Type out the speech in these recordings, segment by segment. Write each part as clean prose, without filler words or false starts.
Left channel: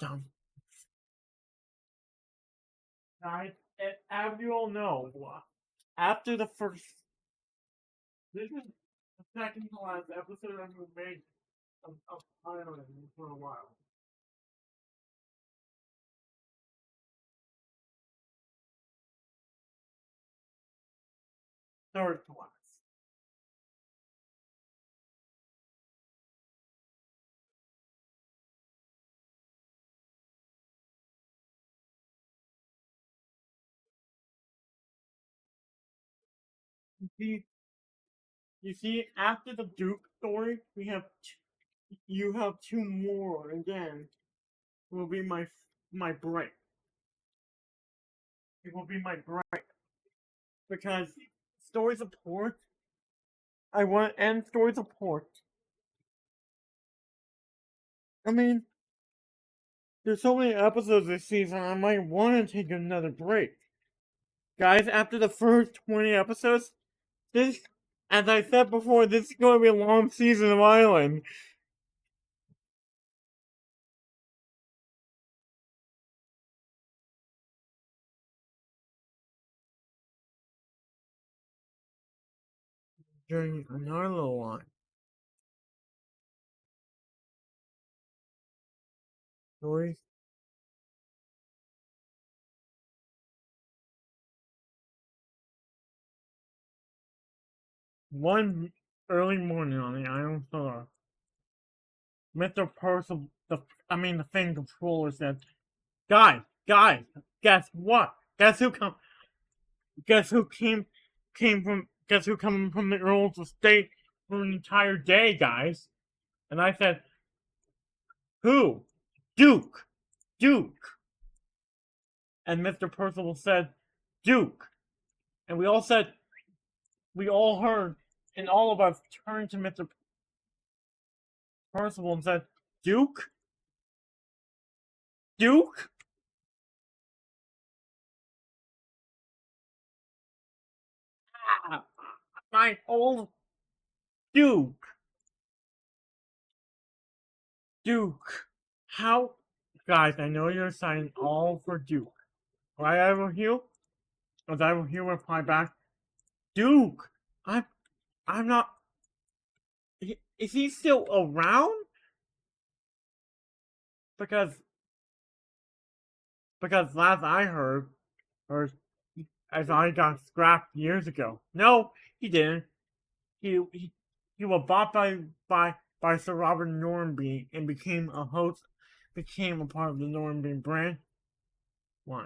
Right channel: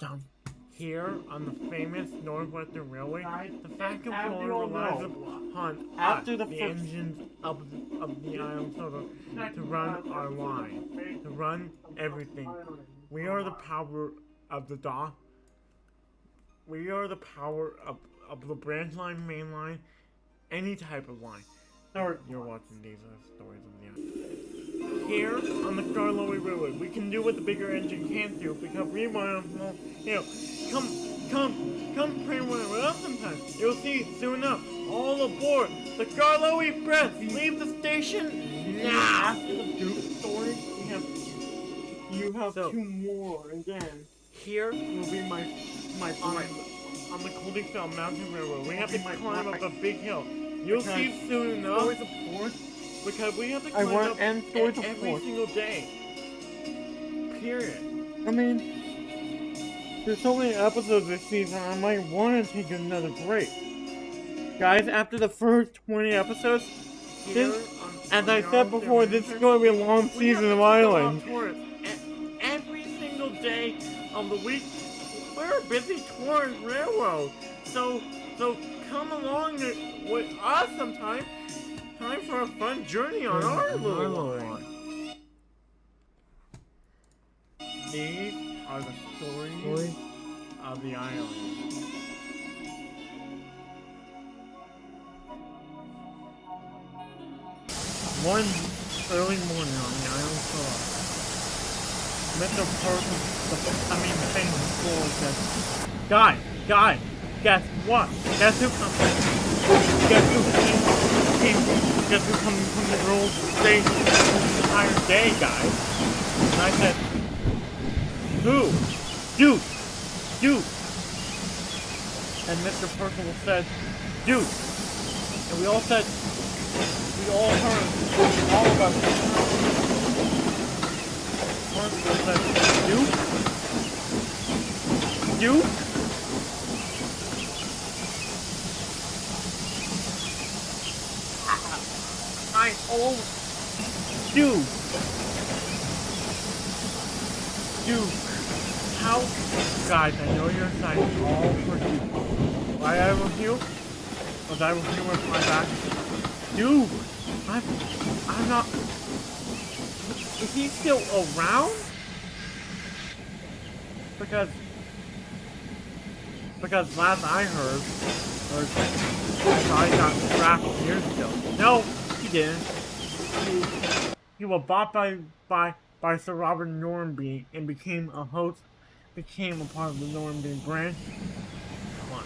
Dum. Here on the famous Northwestern Railway, Guys, the fact of as you all know, hunt after the the first- engines of the Iron Soda to second run last our episode line, that we made to run everything. We are the power of the dock. We are the power of the branch line, main line, any type of line. Third You're one. watching these stories of the Iron. Here on the Karlovy Railway, we can do what the bigger engine can't do because we want to, come train with us sometime. You'll see soon enough. All aboard the Karlovy Express. Leave the station You see, now. after the Duke story, you have So- two more, and then Here will be my on, break. on the Coldingfell Mountain Railroad, we It have will to be my climb up break. a big hill. You'll Because see soon enough. Stories of Force. Because we have to I climb want up end Stories of every Force. single day. Period. I mean, there's so many episodes this season, I might want to take another break. Guys, after the first 20 episodes, Here This- on as I the said before, this is going to be a long we season have of to take a Island. long tour. Every single day of the week, we're a busy touring railroad. So come along with us sometime. Time for a fun journey on our little line. These are the stories of the island. One early morning on the island of Solar, Mr. Percival, the famous explorer said, Guy, guess what? Guess who comes? Guess who guess who come from the Earl's estate for the entire day, guys? And I said, who? Duke! And Mr. Percival said, Duke! And we all heard, and all of us turned to Mr. Percival and said, Duke? I told Duke. How? Guys, I know you're signing all for Duke. Why I will heal? Because I will heal reply back. Duke! I'm not... Is he still around? Because last I heard, I thought he got scrapped years ago. No, he didn't. He was bought by Sir Robert Normanby and became a part of the Normanby branch line.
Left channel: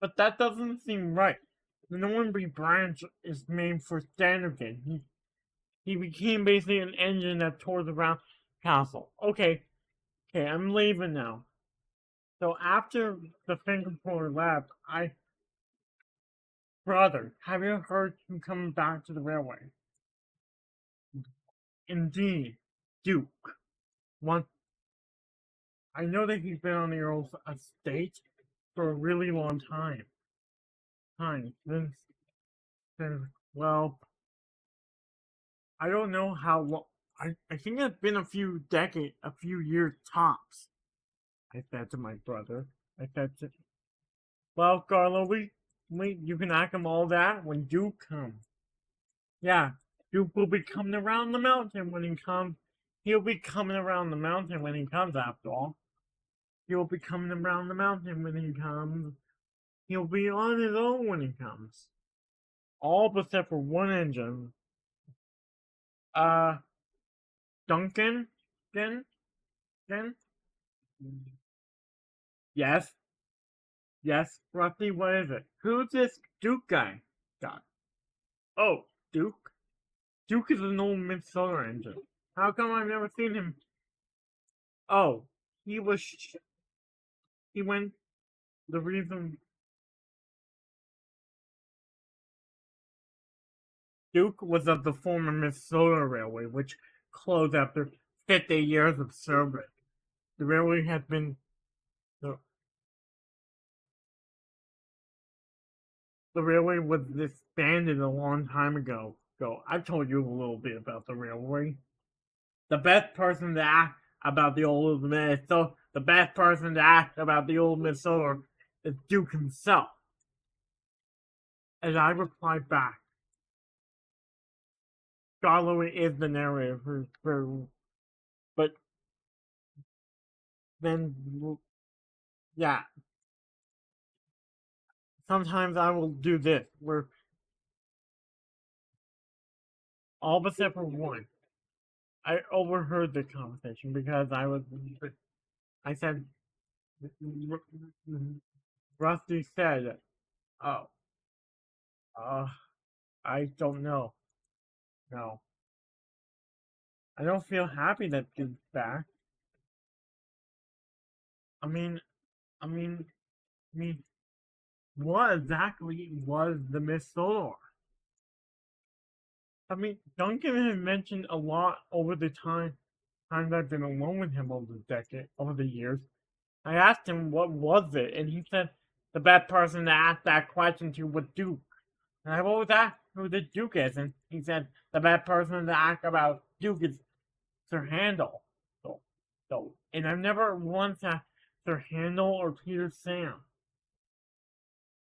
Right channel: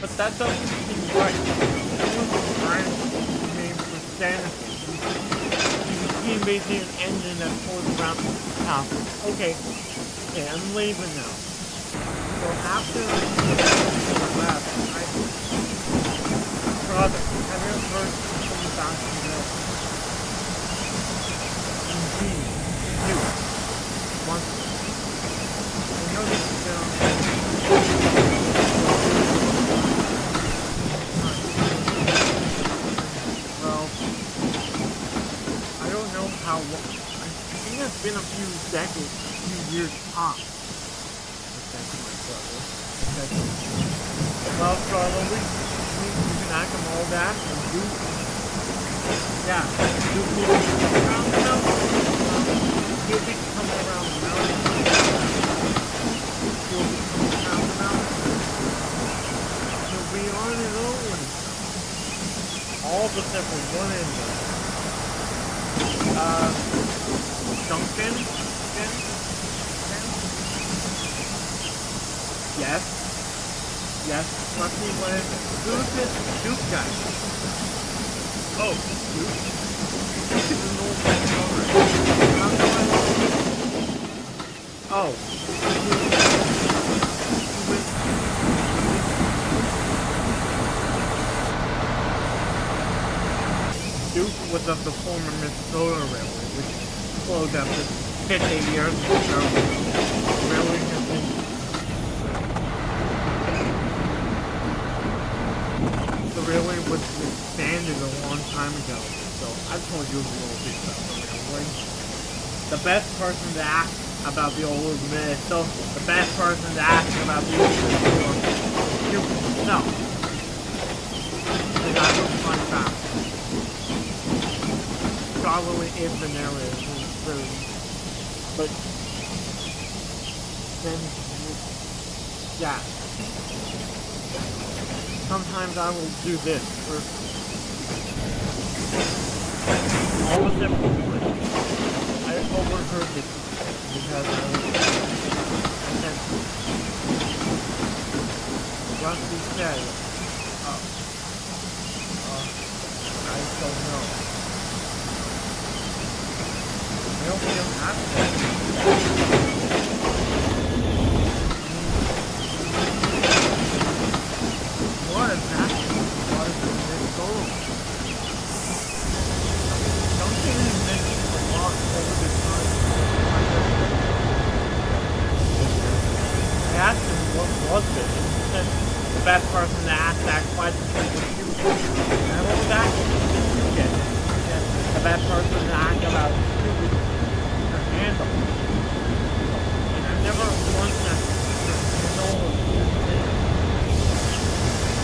But that doesn't seem right. Normanby branch is made for Sanderson. He became basically an engine that pulls around town. Okay, I'm leaving now. So after the famous corner left, Brother, have you heard he's coming back to the railway? Indeed, you. Once. I know that you've been on the railway for a really long time. Well, I don't know how long. I think it's been a few decades, a few years tops. I said to my brother. I said, well, Carlo, you can ask him all that, and Duke will be coming around the mountain. He'll be coming around the mountain when he's out that fall. He'll be coming around the mountain, and he'll be on his own when he comes. All except for one engine. Duncan? Yes, Rusty, what is it? Who's this Duke guy? Oh, Duke? Duke is an old man, alright. How come I never seen him? Oh, he went to leave. Duke was of the former Minnesota Railway, which closed after 50 years of service. The railway has been... the railway was disbanded a long time ago, so I've told you a little bit about the railway. The best person to ask about the old Minnesota, the best person to ask about the old Minnesota is Duke himself. And I replied back. Scholarly is the narrative, but then, yeah. Sometimes I will do this, where all but except for one, I overheard the conversation because I said, Rusty said, I don't know. No. I don't feel happy that he's back. I mean, what exactly was the Minnesota? I mean, Duncan has mentioned a lot over the time I've been a woman over the years. I asked him what was it, and he said the best person to ask that question to was you. And I've always asked who did you get? And he said the best person to ask about stupid her handle. So, and I've never once asked her handle or Peter's name.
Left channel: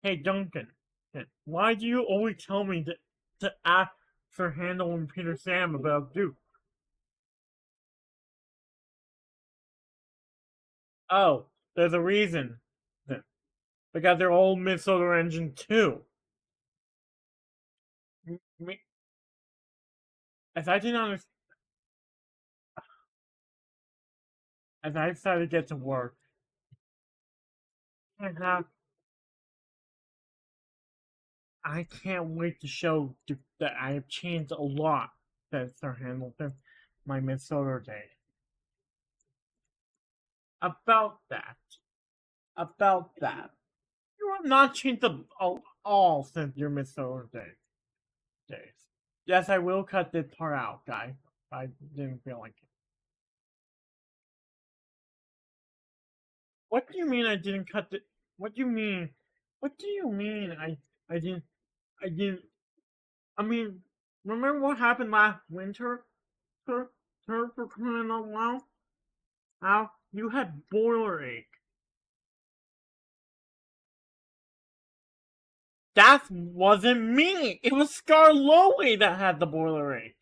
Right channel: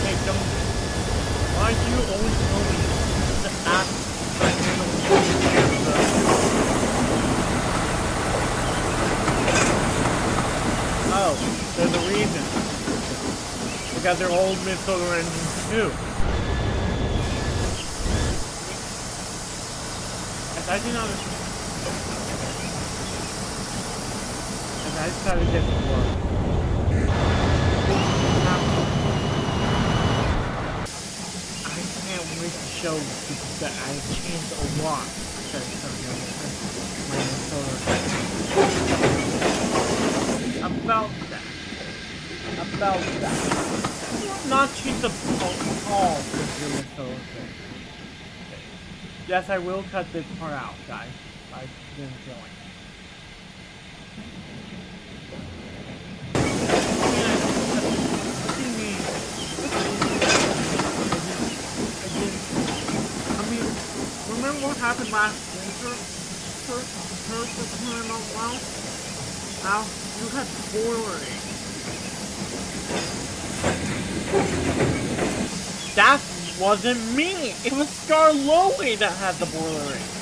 Hey Duncan, why do you always tell me to ask her handle and Peter's name about you? Oh, there's a reason. They got their old Minnesota engines too. As I did not understand. As I decided to get to work. I can't wait to show that I've changed a lot since my Minnesota days. About that. You have not changed at all since your Minnesota days. Yes, I will cut this part out, guys. I didn't feel like it. What do you mean I didn't cut this? What do you mean? What do you mean I didn't? I mean, remember what happened last winter? For crying out loud? Al, you had boiler ache. That wasn't me! It was Scarlowy that had the boiler ache.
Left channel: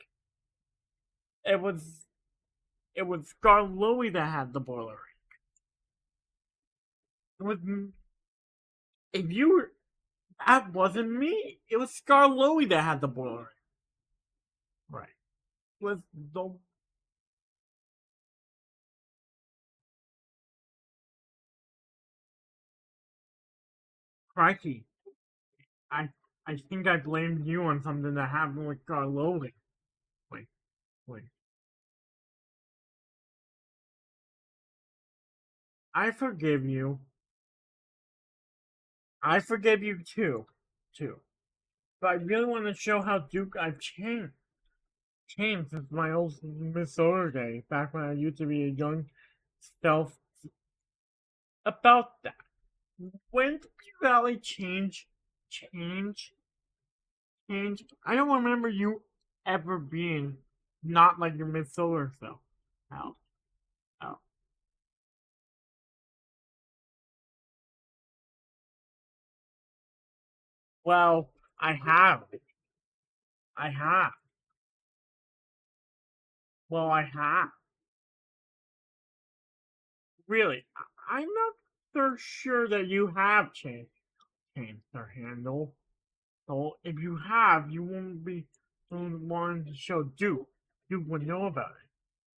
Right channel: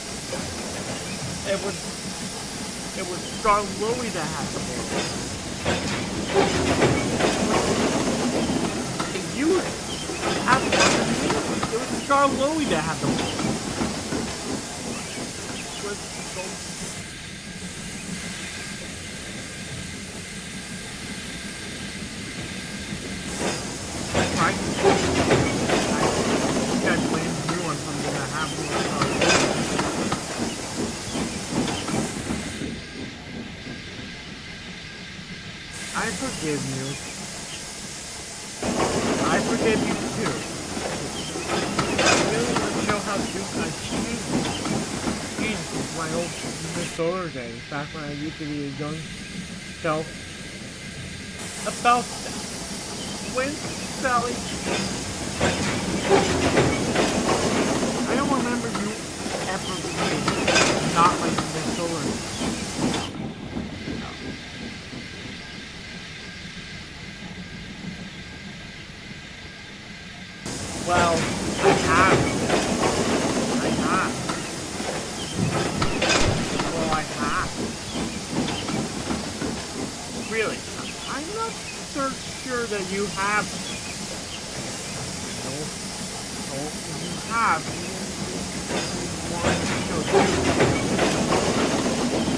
It was Scarlowy that had the boiler ache. That wasn't me. It was Scarlowy that had the boiler. I think I blamed you on something that happened with Scarlowy. I forgive you. I forgive you too. But I really want to show how Duke I've changed. Changed since my old Minnesota days, back when I used to be a young self. About that. When Sally changed. I don't remember you ever being not like the Minnesota self. No. Well, I have. Well, I have. Really, I'm not so sure that you have changed. No. So, if you have, you wouldn't be one to show Duke. Duke would know about it.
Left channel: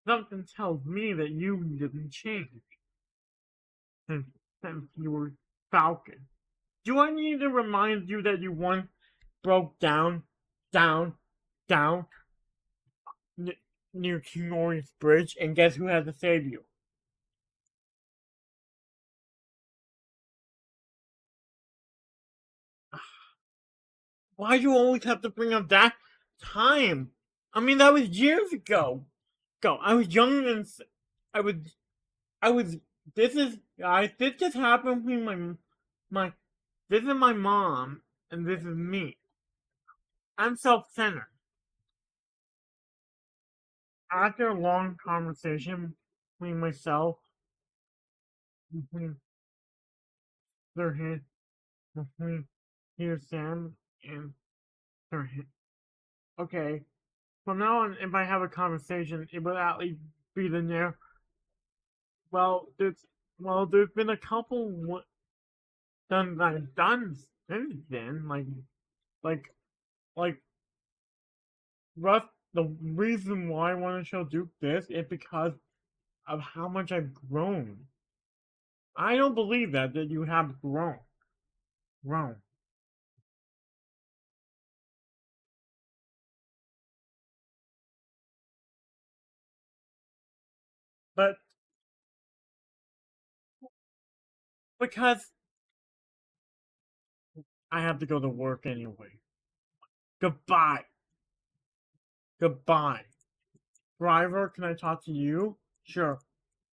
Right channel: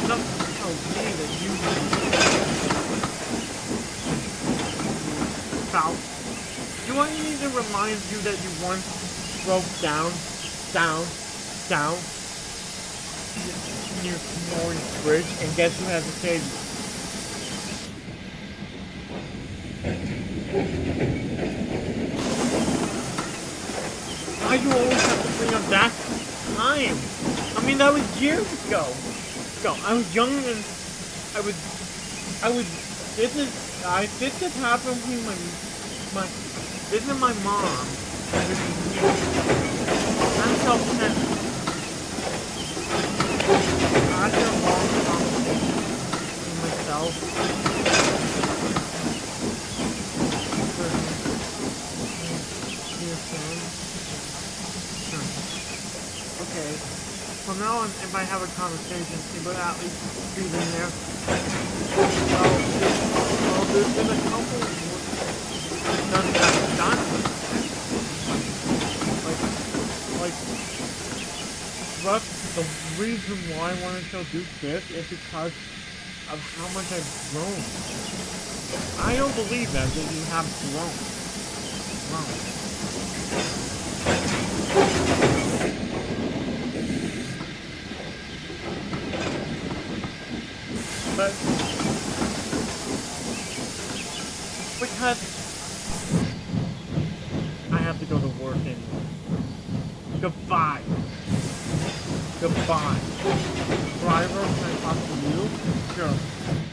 Something tells me that you would change. You were about. Do I need to remind you that you once broke down, near Norris Bridge, and guess who has to save you? Why do you always have to bring up that time? I mean, that was years ago. I was young and this just happened with this is my mom And this is me. I'm self-centered. After a long conversation between myself and Peter Pan and okay, from now on, if I have a conversation, it will at least be in there. There's been a couple done since then, like Russ, the reason why I want to show Duke this is because of how much I've grown. I don't believe that you have grown. But because I have to go to work anyway. Goodbye. Driver, can I talk to you?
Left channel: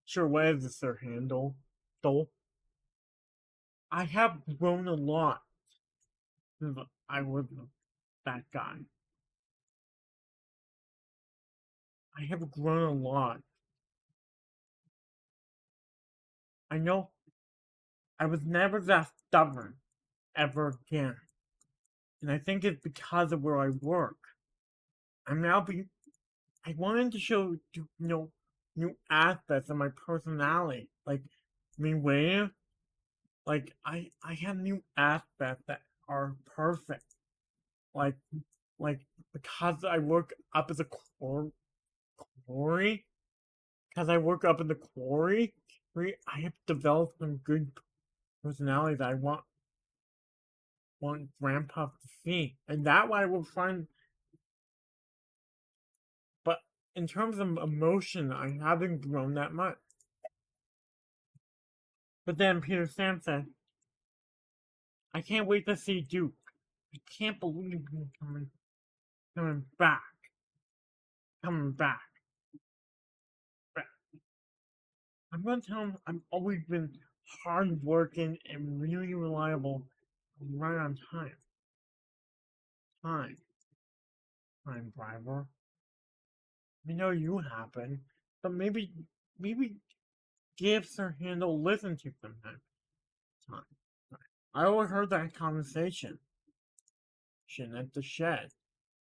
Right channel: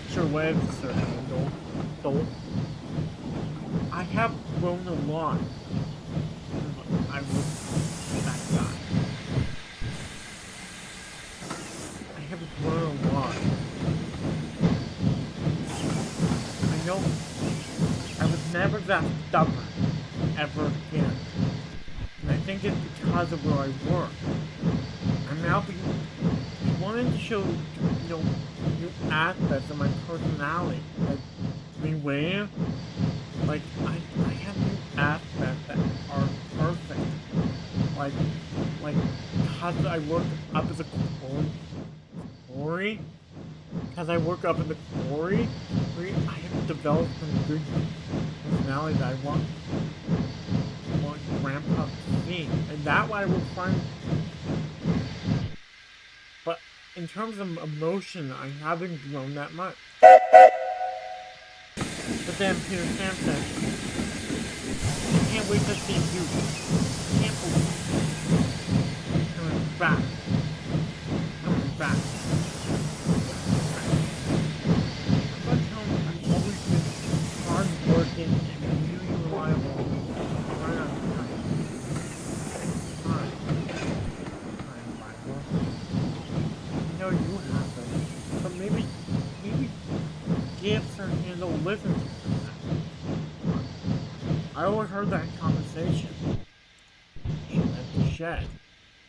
Sure, where's Sir Handel? I have grown a lot since I was that guy. I have grown a lot. I know I was never that stubborn ever again. And I think it's because of where I work. I'm now wanting to show, new aspects of my personality. Like, where? Like, I have new aspects that are perfect. Like, because I work up at the quarry? Because I work up in the quarry, I have developed some good personality that I want Grandpa to see. And that way I will find. But in terms of emotion, I haven't grown that much. But then Peter Sam said, I can't wait to see you. I can't believe it. Coming back. I'm gonna tell him I've always been hard working and really reliable and right on time. Time, driver. I know you happen, but maybe gifts or handle listen to them. I overheard that conversation. At the shed.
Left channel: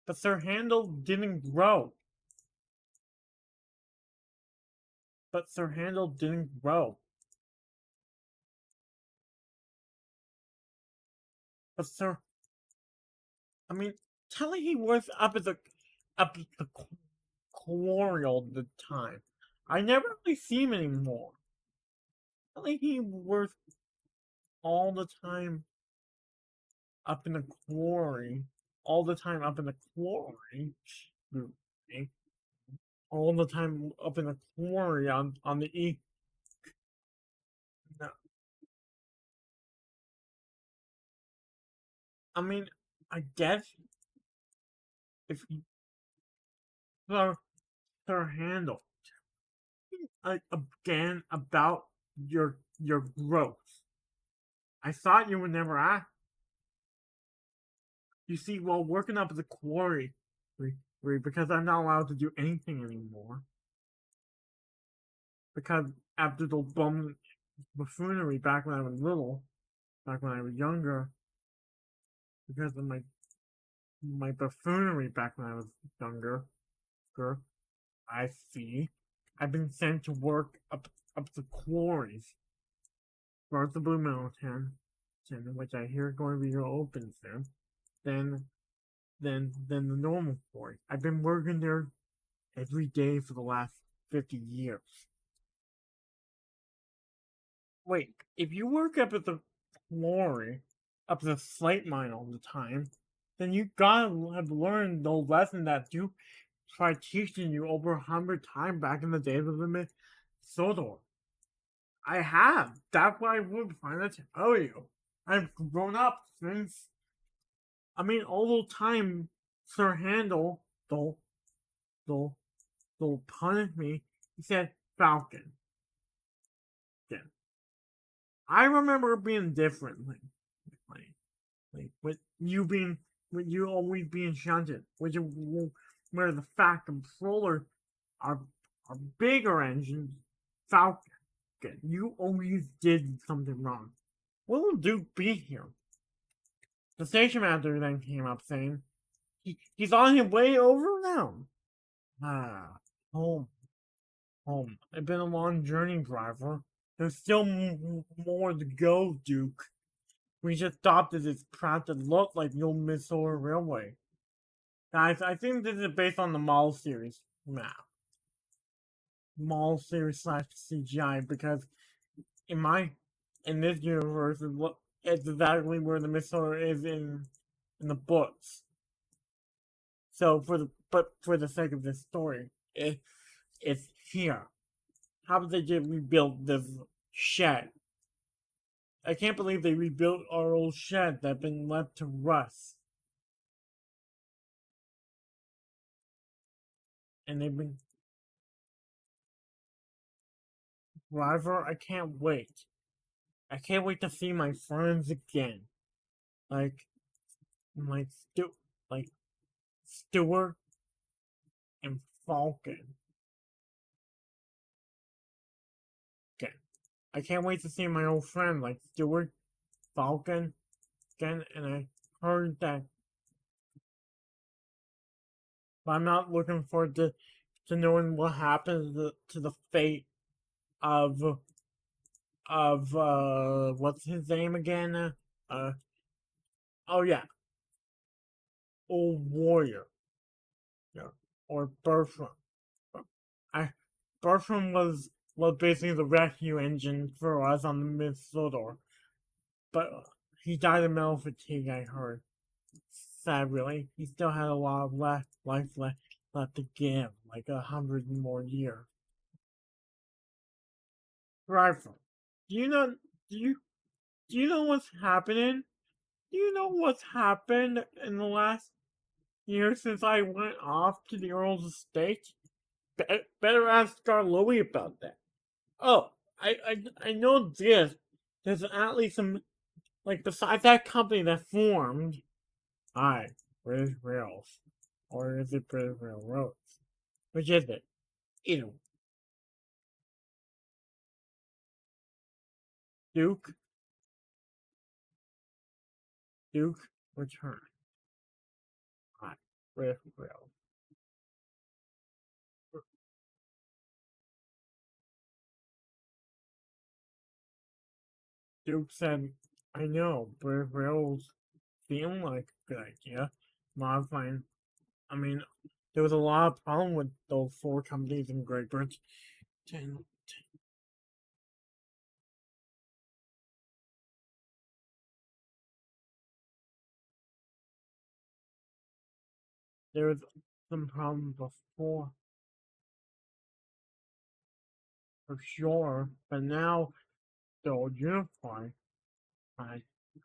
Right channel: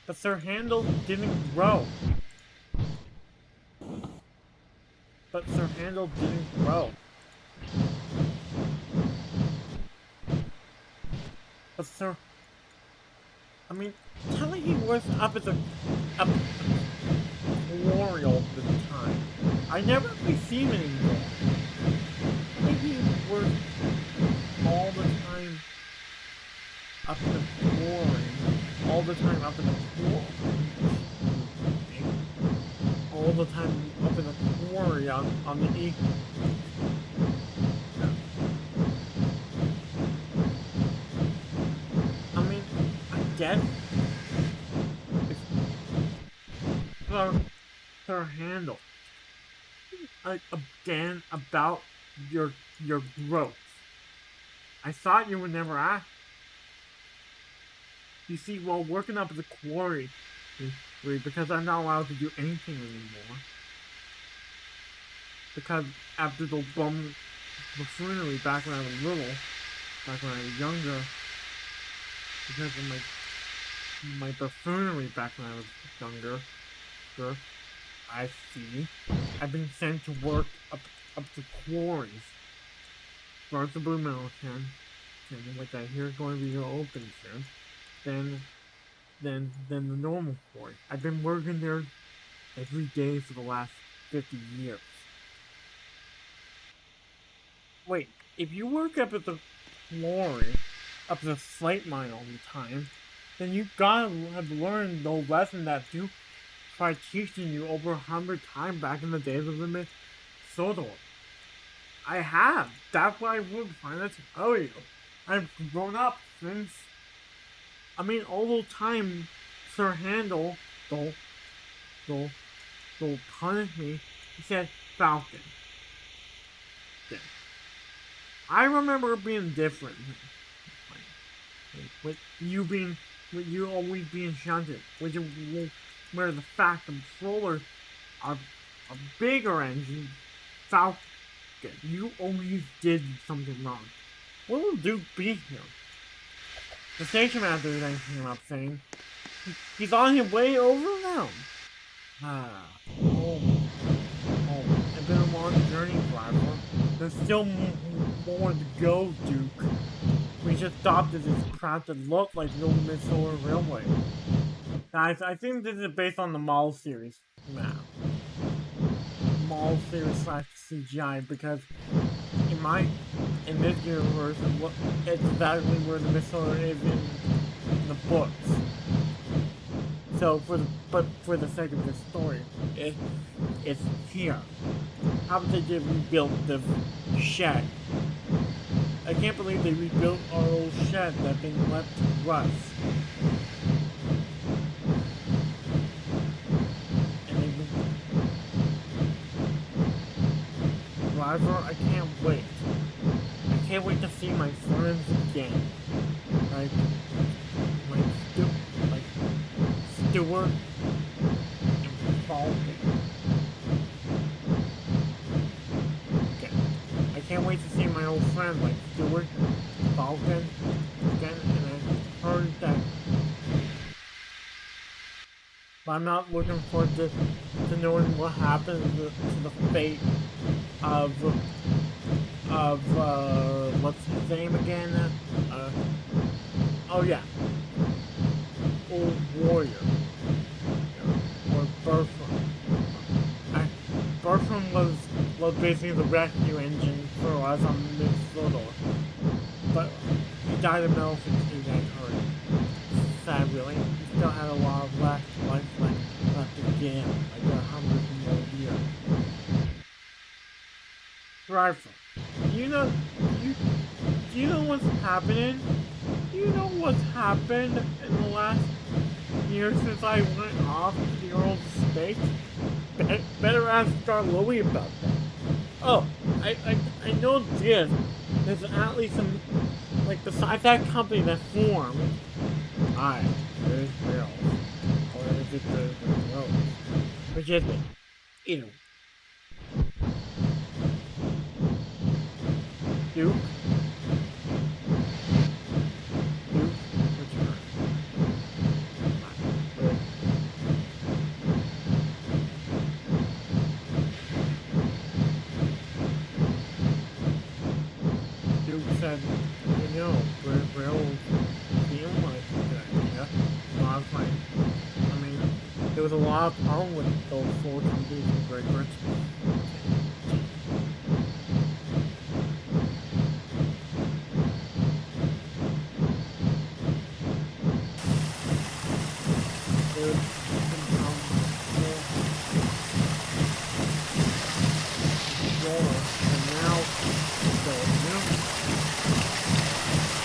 But Sir Handel didn't grow. But Sir... I mean, tell he was up at the quarry all the time. I never really see him anymore. I think he was all the time up in the quarry. All the time up in the quarry. All the time up in the quarry on the E. No. I mean, I guess if Sir Handel again about your growth. I thought you would never ask. You see, while working up at the quarry, because I'm not allowed to do anything anymore. Because after the buffoonery back when I was little, back when I was younger, because of my buffoonery back when I was younger, I see. I've been sent to work up the quarries. First the Blue Mountain, which I hear is going to be open soon. Then the normal quarry. I've been working there every day for the last 50 years. Wait, if you work up at the quarry, up the slate mine all the time, then you gotta have learned the lesson that Duke tried teaching you over 100 times back in the days of the Minnesota. I have. That's why I would find it to tell you. I've grown up since. I mean, all the time, Sir Handel, don't punish me. He said, Falcon. I remember being different. you always being shunted, which is where the fact controller are a bigger engine, Falcon. You always did something wrong. What will Duke be here? The station master then came up saying, he's on his way over now. Ah, home. Home. It's been a long journey, driver. There's still more to go, Duke. We just stopped at this crowd that looked like the old Minnesota Railway. Guys, I think this is based on the Mall series map. Mall series slash CGI, because in this universe, it's exactly where the Minnesota is in the books. So for the sake of this story, it's here. How did they just rebuild this shed? I can't believe they rebuilt our old shed that's been left to rust. And they've been... Driver, I can't wait. I can't wait to see my friends again. Like Stuart and Falcon. Okay. I can't wait to see my old friend like Stuart, Falcon again, and I heard that. But I'm not looking forward to knowing what happens to the fate of what's his name again? Oh yeah, Old Warrior, or Bertram. Bertram was basically the rescue engine for us on Minnesota, but he died of mental fatigue, I heard. Sad, really. He still had a lot of life left to give, like 100 more years. Driver, do you know what's happening? Do you know what's happened in the last year since I went off to the Earl's estate? Better ask Star-Lowee about that. Oh, I know this. There's at least some, like, besides that company that formed. Aye, there's rails. Or is it the roads? Which is it? Either. Duke? Duke, return. Wait. Duke said, I know, but rails seem like a good idea. I mean, there was a lot of problem with those 4 companies in Great Britain. There was some problems before, for sure, but now they're unified.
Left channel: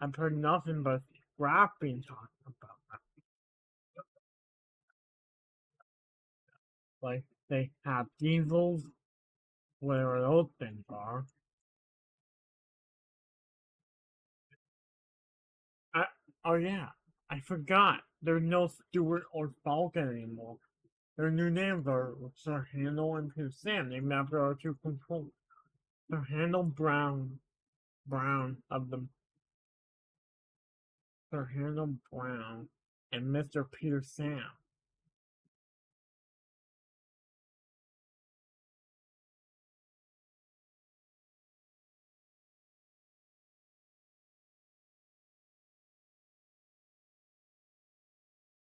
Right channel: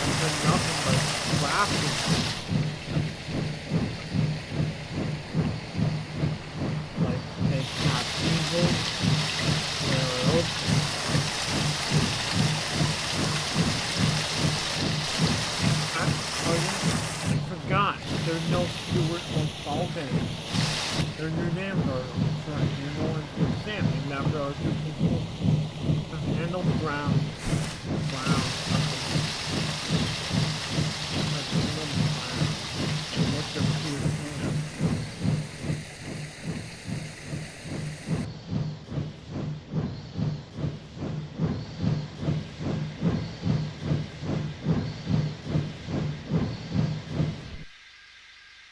And for nothing but drafting. Like, they have eagles, where else they are. Oh yeah, I forgot. There's no Stuart or Falcon anymore. Their new names are Handle and Sam, named after our 2 people. Handle Brown of the Handle Brown and Mr. Peter Sam.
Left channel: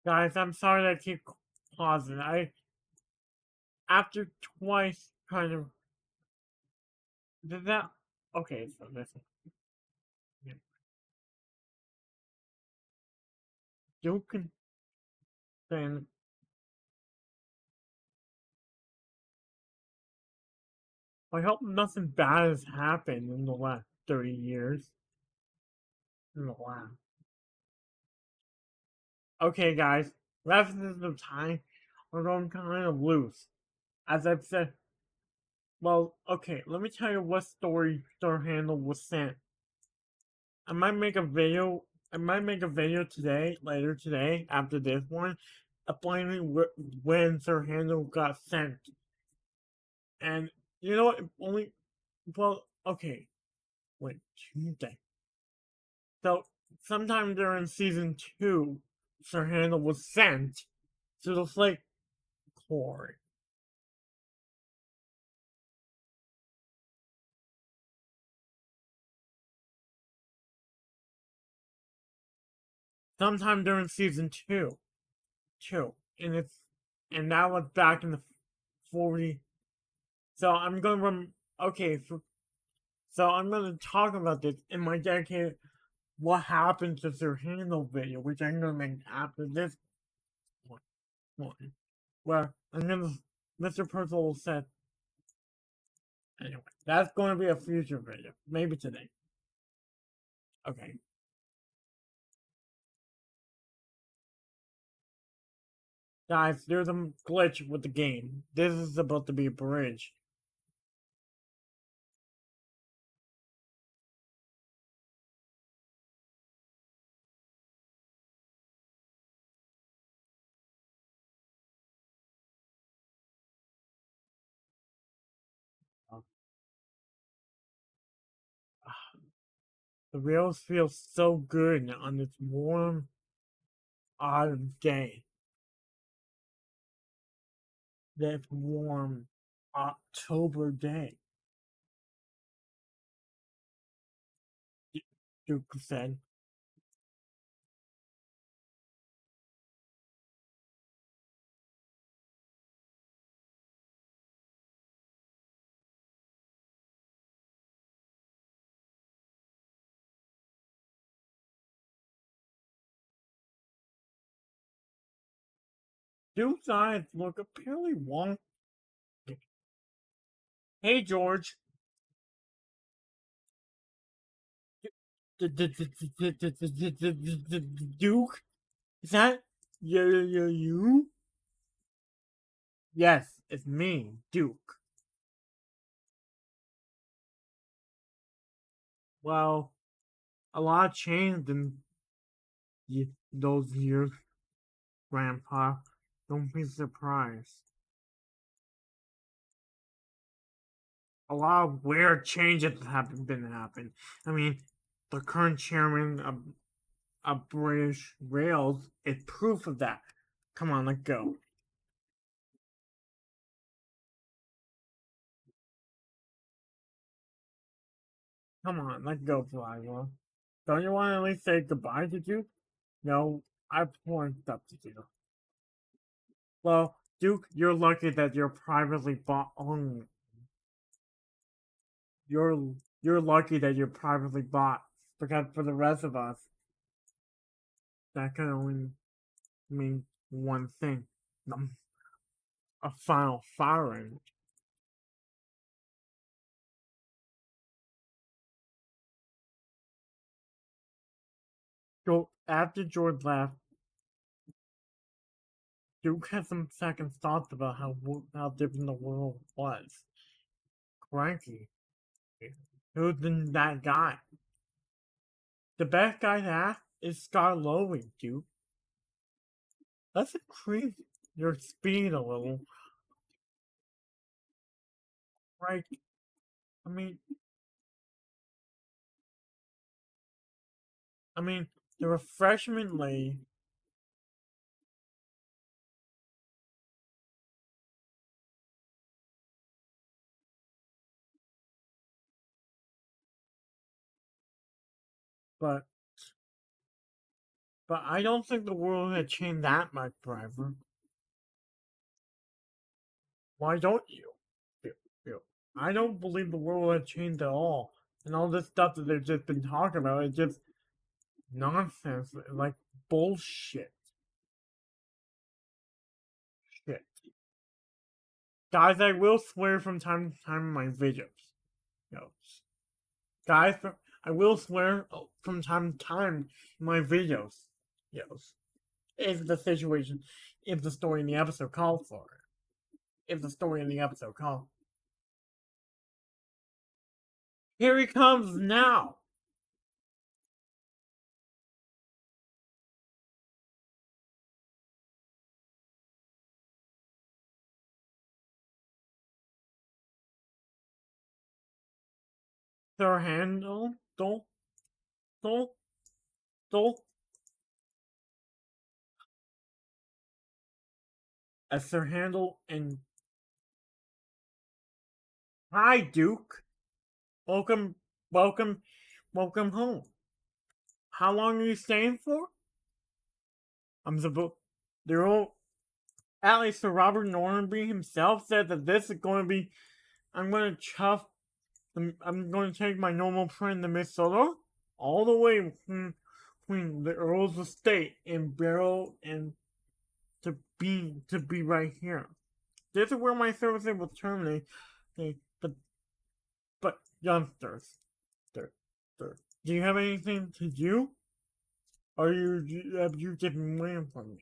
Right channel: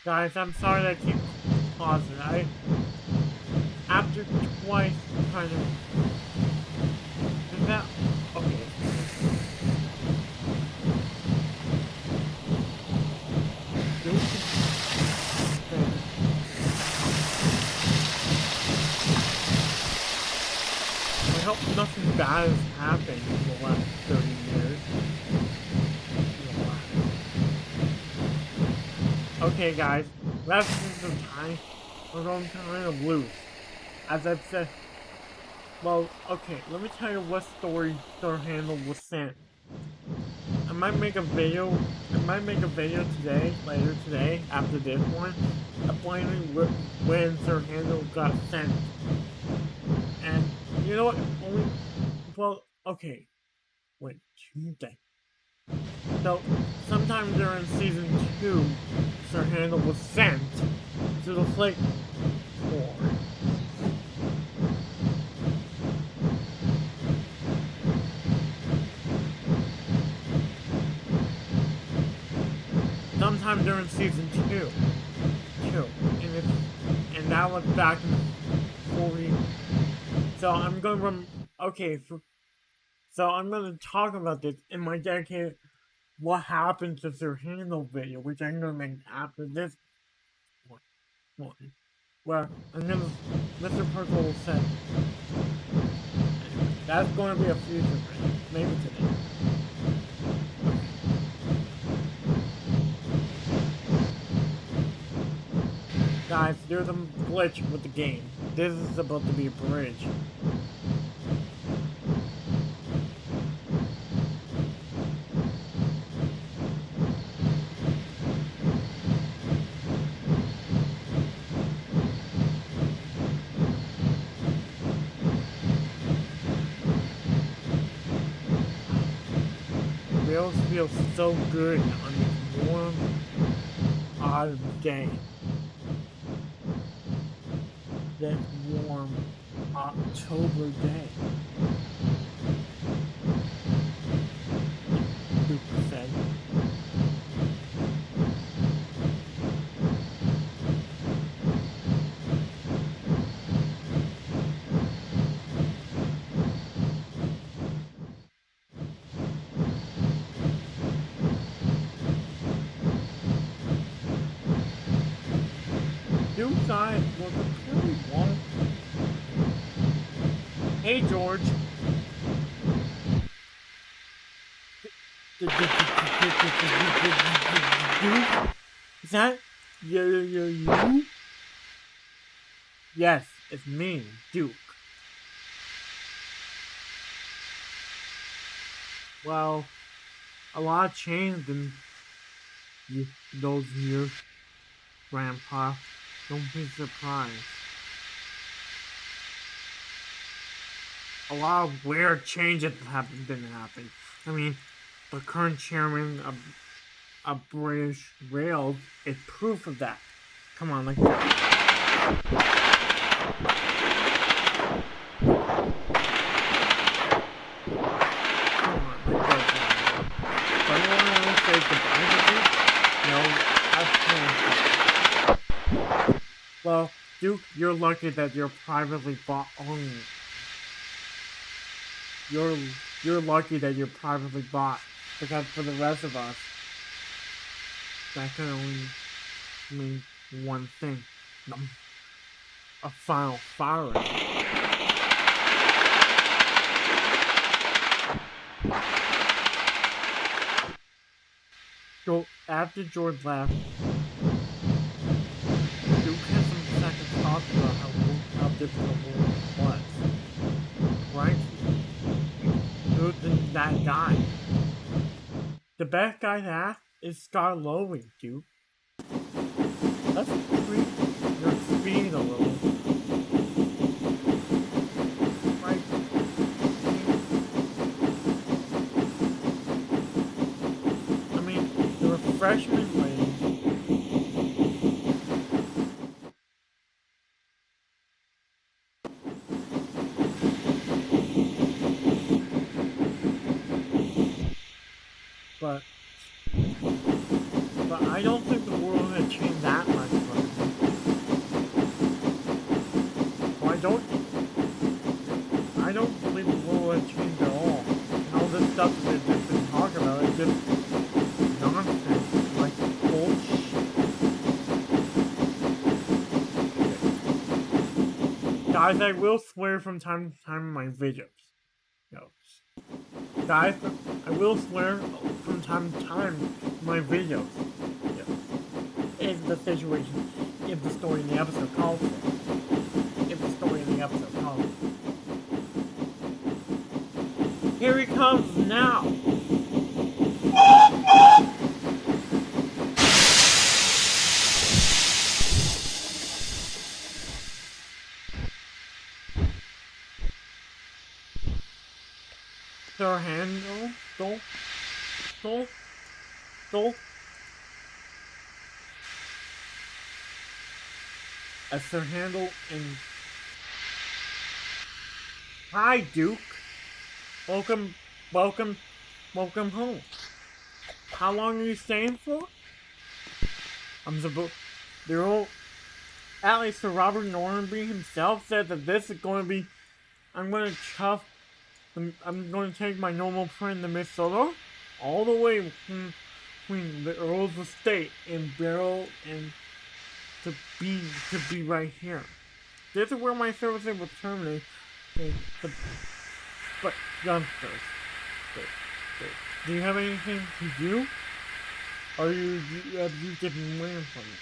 Guys, I'm sorry that I keep pausing. After twice kind of... Did that... Okay. Duke and... I hope nothing bad has happened in the last 30 years. Okay, guys, last of time, we're going kind of loose. As I've said, well, okay, let me tell you what story Star Handle was sent. I might make a video. I might make a video today, later today, after this one, explaining when Sir Handel got sent. And you know what? Only, well, okay. Wait, Tuesday. So, sometime during season 2, Sir Handel was sent to the Flake Forge. Sometime during season 2. And that was back in the 40. So I'm gonna so I'm gonna talk about this in my dedicated what happened to Sir Handel video, which I'm gonna make after this one. Where I'm gonna Mr. Percival said anyway, that's gonna be a future video. Maybe today. Okay. Guys, there's a glitch with the game. This is supposed to be a bridge. It really feels so good on this warm autumn day. That warm October day. Duke said. Duke's eyes look apparently wonky. Hey, George. Duke? Is that you? Yes, it's me, Duke. Well, a lot changed in those years, Grandpa. Don't be surprised. A lot of weird changes have been happening. I mean, the current chairman of British Rails is proof of that. Come on, let's go. Come on, let's go, Brian. Don't you want to really say goodbye to Duke? No, I've told him. Well, Duke, you're lucky that you're privately bought only. You're lucky that you're privately bought, because for the rest of us, that can only mean one thing: a final firing. So after George left, Duke had some second thoughts about how different the world was. Frankly, who's that guy? The best guy to ask is Scott Lowy, Duke. Let's increase your speed a little. Right? I mean, the refreshment lane. But I don't think the world had changed that much for him. Why don't you? I don't believe the world had changed at all. And all this stuff that they've just been talking about is just nonsense and like bullshit. Okay. Guys, I will swear from time to time in my videos. Guys, I will swear from time to time in my videos. If the situation, if the story in the episode calls for it. If the story in the episode calls for it. Here he comes now! Sir Handel, Dol, Dol, as Sir Handel and hi, Duke. Welcome, welcome, welcome home. How long are you staying for? I'm supposed. They're all. At least Sir Robert Normanby himself said that this is going to be. I'm going to chuff. I'm going to take my normal friend, the Miss Solar, all the way from the Earl's estate in Barrow and to be right here. This is where my services will terminate. Okay, but youngsters, do you have anything to do? Or have you just been waiting for me?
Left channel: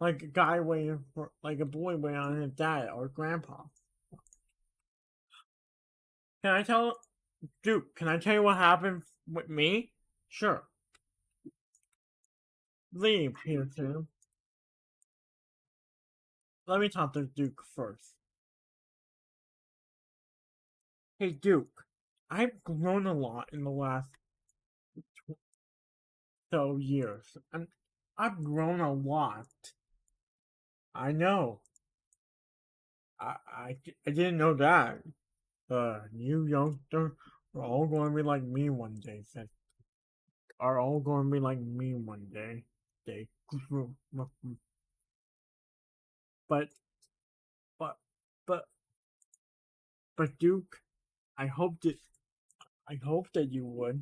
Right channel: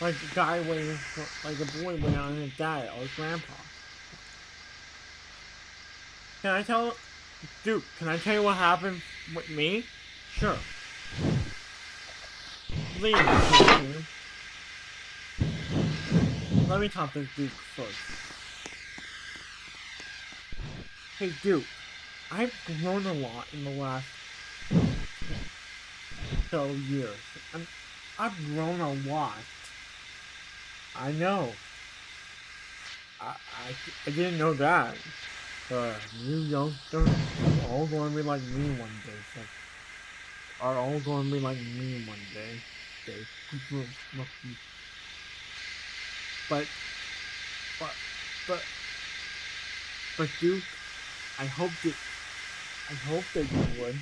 Like a guy waiting for, like a boy waiting on his dad or grandpa. Can I tell, Duke, can I tell you what happened with me? Sure. Please, Duke. Let me talk to Duke first. Hey, Duke, I've grown a lot in the last years. I've grown a lot. I know. I didn't know that. You youngsters are all going to be like me one day. Are all going to be like me one day. But Duke, I hope that you would.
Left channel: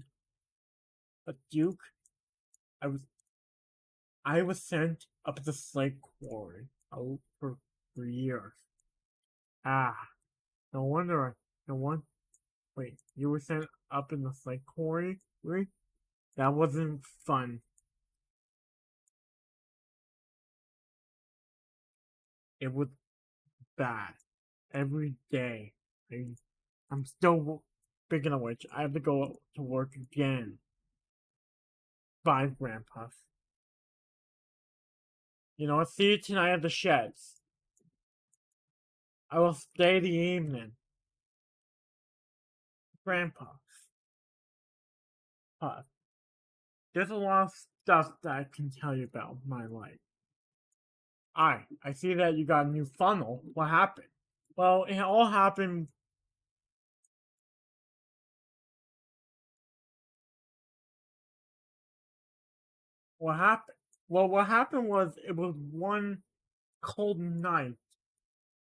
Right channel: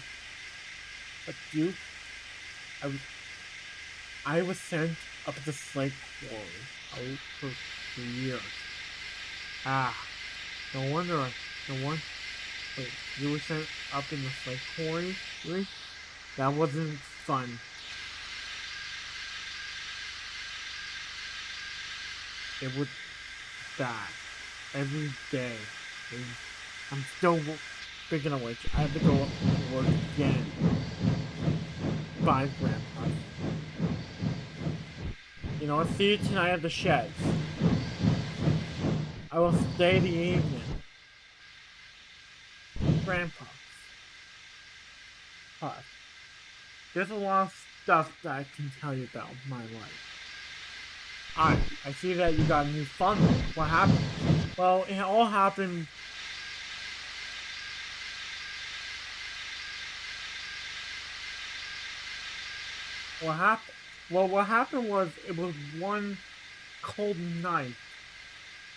But Duke, I was sent up the Slate Quarry out for 3 years. No wonder. Wait, you were sent up in the Slate Quarry? Really? That wasn't fun. It was bad. Every day. I'm still, speaking of which, I have to go up to work again. Bye, Grandpa. You know, I'll see you tonight at the sheds. I will stay the evening. Grandpa. There's a lot of stuff that I can tell you about my life. I see that you got a new funnel. What happened? Well, it all happened. What happened? Well, what happened was it was one cold night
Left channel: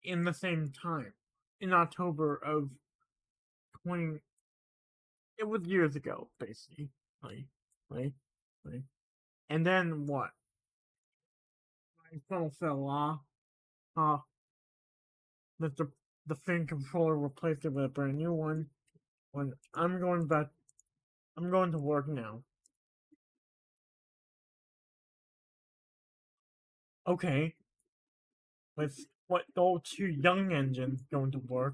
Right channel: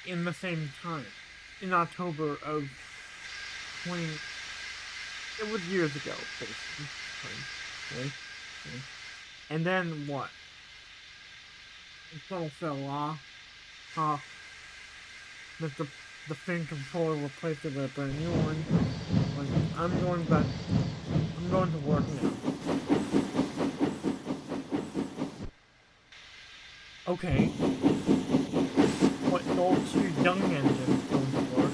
in the same time. In October of 20... It was years ago, basically. Right? And then what? My phone fell off. The fin controller replaced it with a brand new one. I'm going to work now. Okay. What those two young engines going to work?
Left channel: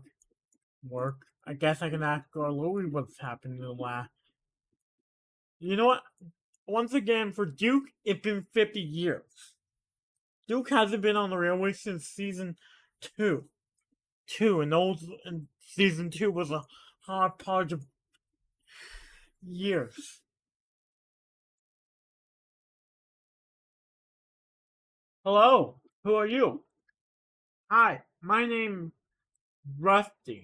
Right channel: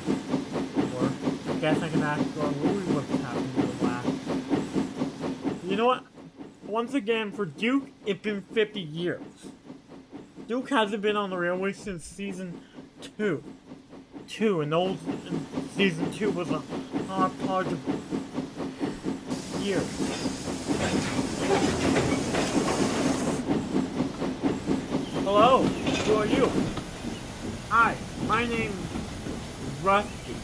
I guess I can ask Louis what's happened to the last. You know what? Once again, for Duke, it's been 50 years. Duke hasn't been on the railway since season 2. And season 2 was a hard part of years. Hello, who are you? Hi, my name's Rusty.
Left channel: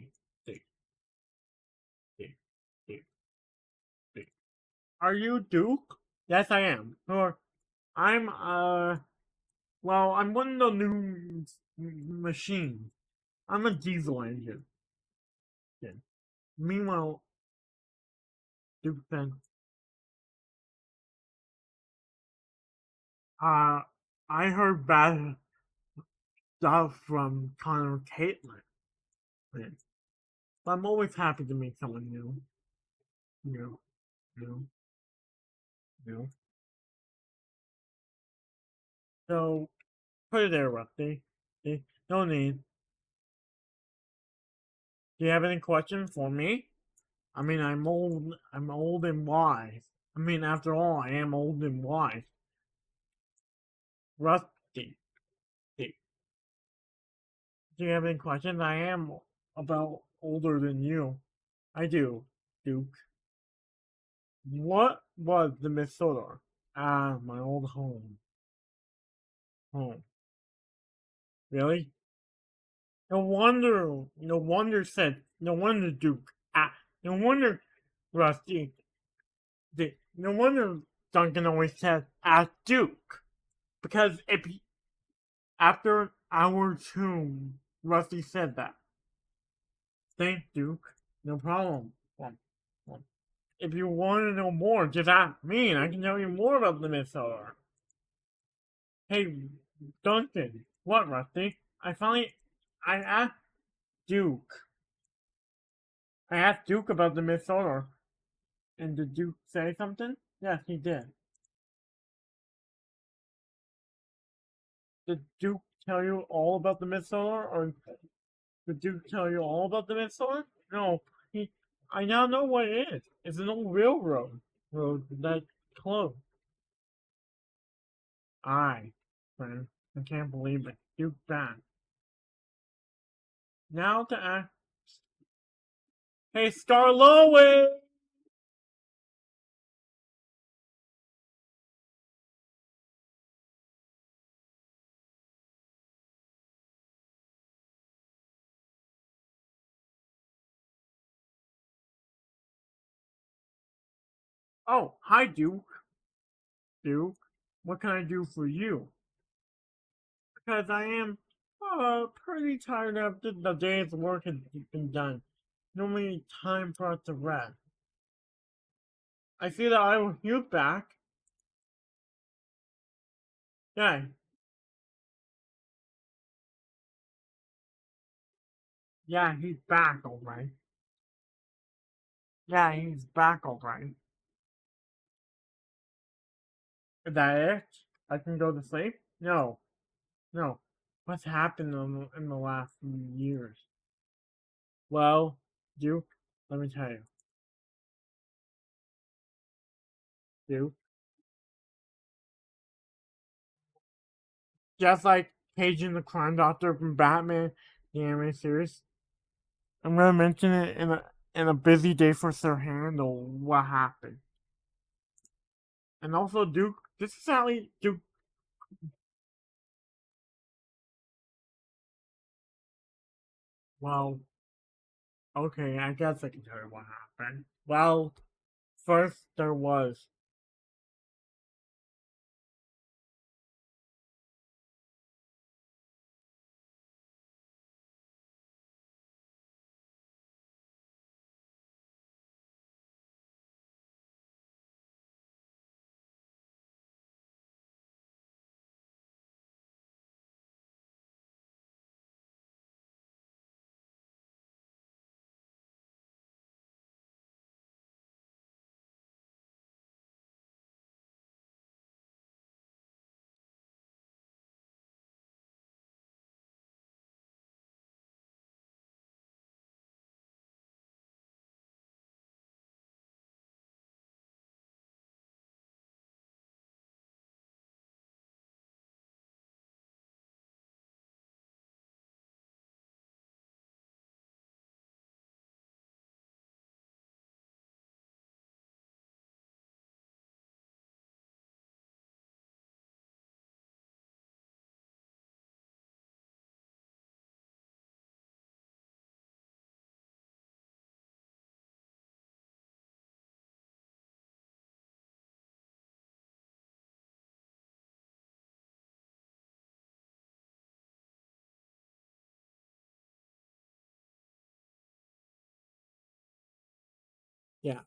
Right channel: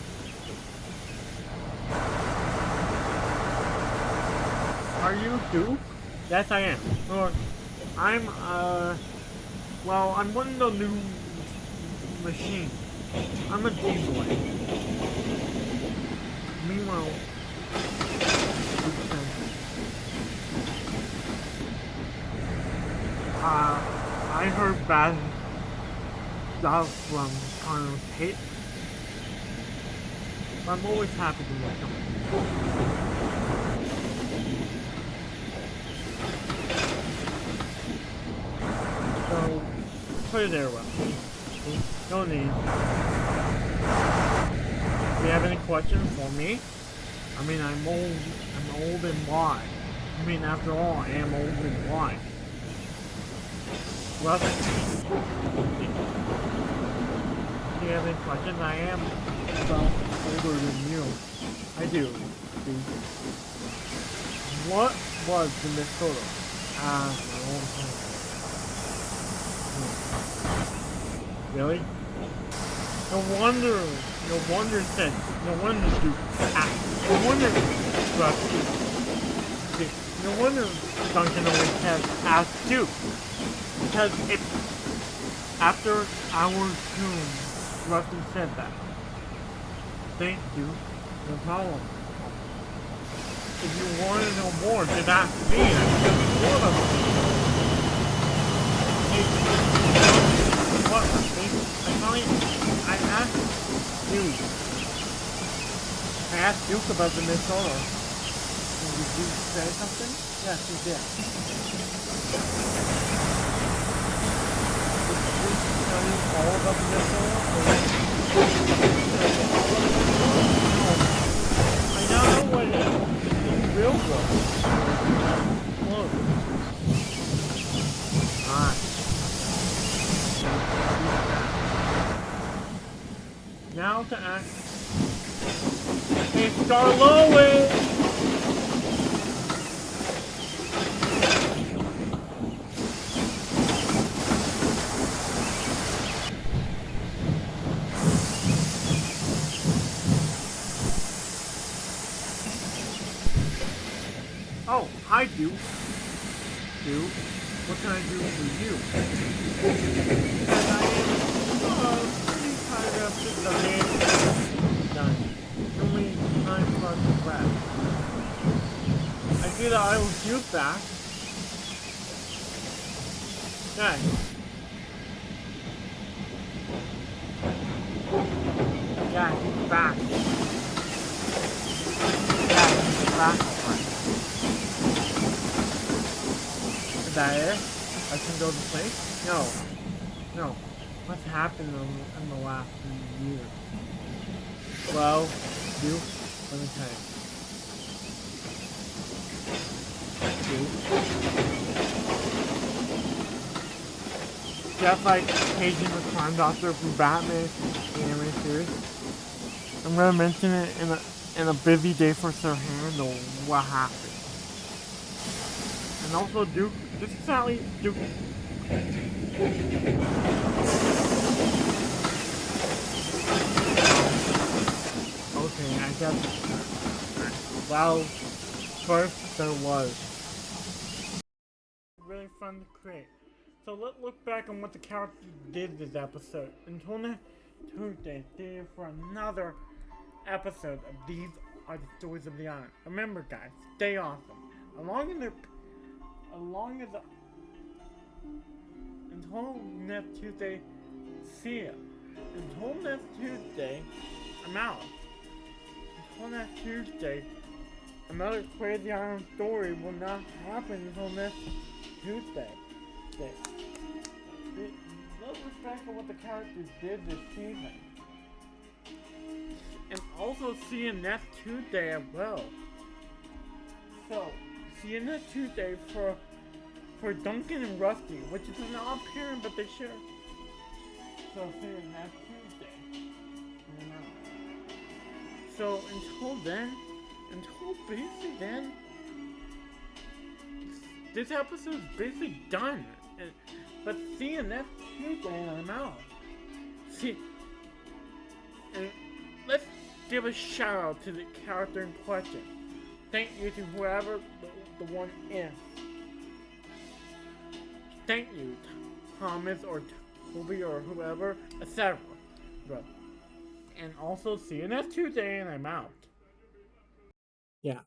Are you Duke? Yes, I am. I'm one of the new machines. I'm a diesel engine. Meanwhile, Duke says, I heard bad stuff from Colonel Caitlin. But I'm always happy to meet someone new. So, put it there, Rusty. See? No need. Do you have any questions for me? I mean, I'm old and wise. I mean, after all, I am old and wise. Rusty. Do you have any questions? I am about older than you. I do. dude. What was the Minnesota? Ah, my old home. Really? No wonder said, no wonder Duke, no wonder Rusty, no wonder Duncan always says, ask Duke. Because after our tomb, Rusty said that. Thank Duke, no problem. If you want to know more, just ask me and I can tell you more about the Minnesota. Hey, Duncan. What, Rusty? I asked Duke. I asked Duke about the Minnesota. And did Duke say something? Yes, he did. Did Duke tell you all about the Minnesota? Or did Duke tell you all about the Minnesota? No. I now know what it is. It's an old railroad. Where it's closed. Alright. Now to ask. Hey, Scarlowe! Oh, hi, Duke. Duke, what can I do for you? Because I am pretty tired after the day's work is done. No only time for us to rest. I see that I will shoot back. Yeah. Yeah, he's back already. Yeah, he's back already. Is that it? I can go to sleep? No. No. What's happened in the last few years? Well, Duke, let me tell you. Duke. Just like paging the Crime Doctor from Batman, the anime series. I'm gonna mention it in a busy day for Sir Handel, what happened. And also Duke, this is Sally, Duke. Okay, I guess it's her. Well, first there was. Really fun to create. So let's look back on what the characters did this episode. Until next Tuesday, stay here for another episode of These Are the Stories of the Island. Remember guys, stay awesome. Until next Tuesday, see ya. Until next Tuesday, I'm out. Until next Tuesday, another Crazy Island story will not happen until next Tuesday. Let's look back at what the characters did this season. And also see you next Tuesday as well. So, see you next Tuesday for Duncan and Rusty, which is not appearing, but they should. So see you next Tuesday. So until basically then, this episode is basically done. But see you next Tuesday and I'm out. See, and let's give a shout out to the character in question. Thank you to whoever the one is. Thank you, Thomas or Toby or whoever, etc. And also see you next Tuesday and I'm out. Yeah.